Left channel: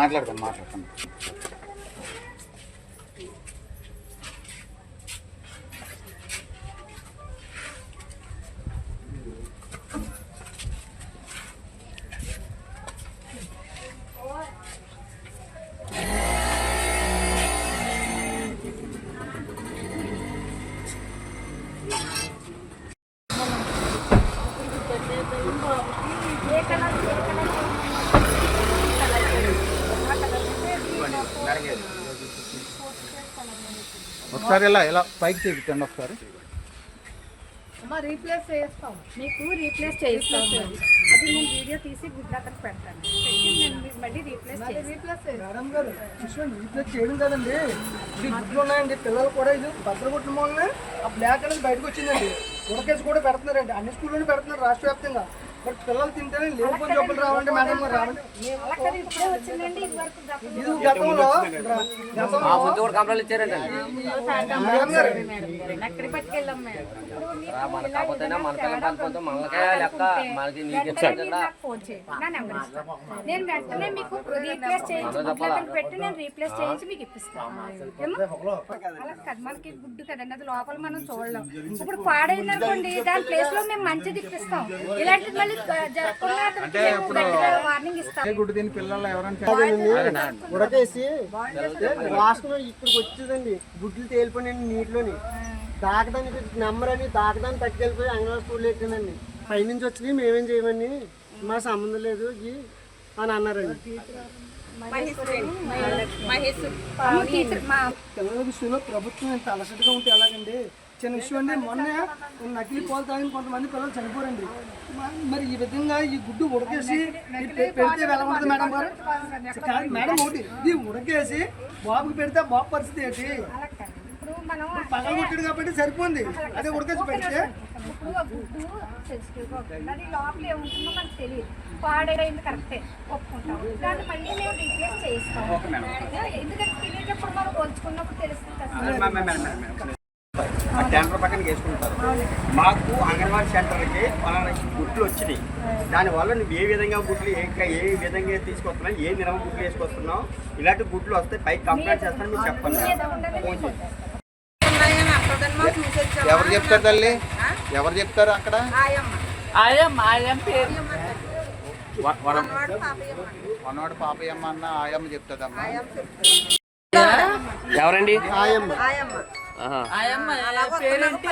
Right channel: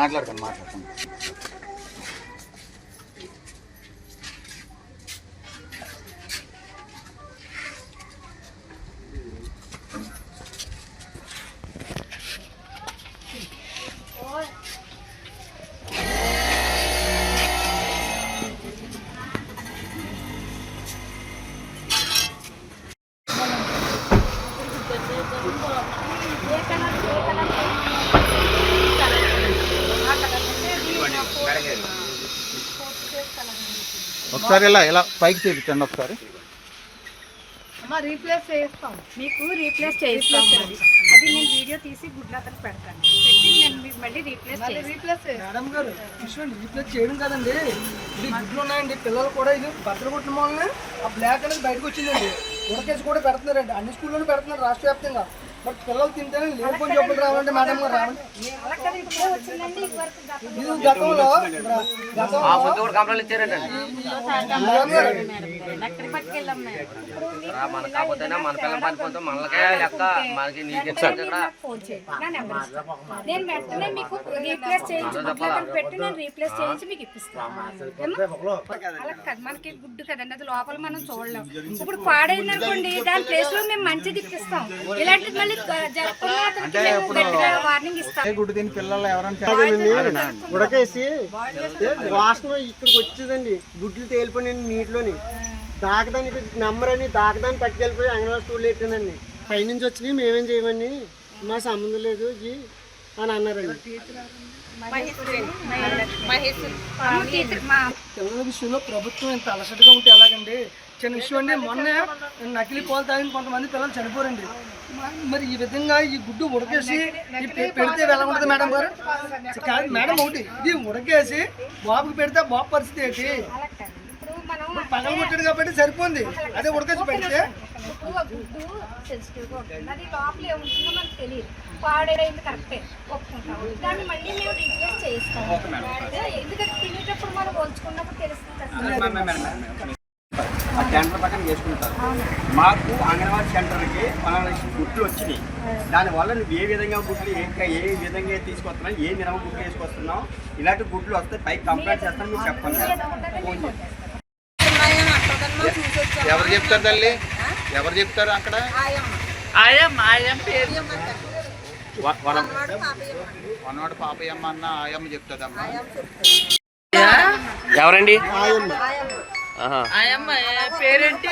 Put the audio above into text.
మాట్లాడతాను. ఒకసారి ఇలా పైకి చూపించండి ఒకసారి. రీప్లేస్ చేస్తాం, మీకు రీప్లేస్ చేస్తాం. అది నేను వీడియో తీసి గుడ్ల అతను పెడతాను, పెట్టి నేను మీకు మళ్ళీ రీప్లేస్ మేడం గారు విషయం రీప్లేస్ చేయడం కదండి, ఇది గుడ్లు ఉన్నాయండి. పిల్లలు కూడా ఇది భద్రగుట్ల మూలనే ఆ బ్లాక్ అనేది బయటకు వచ్చిందండి. ఉడకేసి కూడా పెడుతున్నారండి, అన్ని స్కూల్లోనే పెడుతున్నారు రాష్ట్ర వ్యాప్తంగా. బట్ పిల్లలు తింటేనే లేకపోతే జబ్బులు రావండి మేడం గారు. రావండి ఇది గతంలో నేను వెంటనే మీకు రీప్లేస్ చేయించి పెట్టి నేను రీప్లేస్ చేయించి మీకు ఇప్పిస్తాను. అలా కదా, మనకి గుడ్డు కదండి, అది లోపల మనం చూడలేం. ఇప్పుడు పాడైంది అనుకోండి, దాని ప్లేస్ లో మేము మంచిది ఇప్పిస్తాం. ఇలాంటి మళ్ళీ జరగకుండా అతనికి మేము గట్టిగా వార్నింగ్ ఇస్తాం. గుడ్డు దీని పిల్లలు ఎవరైనా ఉడకేసి వాసన ఇక్కడికి వచ్చేదండి, గుడ్లు తేలిపోయి నీటిలోని దాకదానికి నెంబర్ అని దాకదాన్ని పట్టుకెళ్ళిపోయి అంగన్వాడీ స్కూల్లో పెట్టానండి. పైనుంచి వచ్చినాయి మేమేం చేయమని, మా సంబంధం లేదు అని అన్నారండి. పిల్లల విషయంలో ప్రభుత్వం ఇంత అలసటగా ఉంటే ఎలాగండి? చిన్న విషయం అండి, మొన్న నకిలీ పాలు తాగిన కొంతమంది పిల్లలు చనిపోరండి. మరి ఈ విధంగా ఈ గుడ్డు ఉడకేసి పెడితే ఎలా ఉంటుంది మేడం గారు? కాదు మేడం, ఒకటి ఇది ఉడకేసి బాబుకి పెడితే బాబు పరిస్థితి ఏంటి? పగల కొట్టాడు కాబట్టి సరిపోయింది, అదే ఉడకేసి పెడితే గుడ్డు సెన్సిటివ్గా ఉంటుంది, అది లోపల ఏముంటుందో మనకు తెలియదు. పాడైంది కరెక్టే ఒప్పుకుంటాం, దాన్ని మళ్ళీ మేము రీప్లేస్ చేస్తాం. ఎందుకంటే తినేటప్పుడు మనం పోల్చుకున్నప్పుడు తెలుస్తుంది. టెండర్ పక్కన వేసుకుంటారు. మాకు అంగన్వాడీ సెంటర్కి గుడ్లు వచ్చినాయి, దానివల్ల నువ్వు ఏ విధంగా గుడ్లు ఏ విధంగా తీసుకొస్తున్నావు, ఏ నిరమ గుడ్లు వేసుకొస్తున్నావు, ఇలాంటి గుడ్లు వస్తే పైకి కంప్లైంట్ చేస్తాను మీరు చెప్పండి. ఎవరు చెప్తారు తల్లి, ఎవరు చెప్తారు అక్కడ? వనవాడు పాపయ్యమ్మ అన్న ఆయమ్మ చెప్తుందమ్మా. ఎవరండి? ఆయమ్మ పేరేంటి?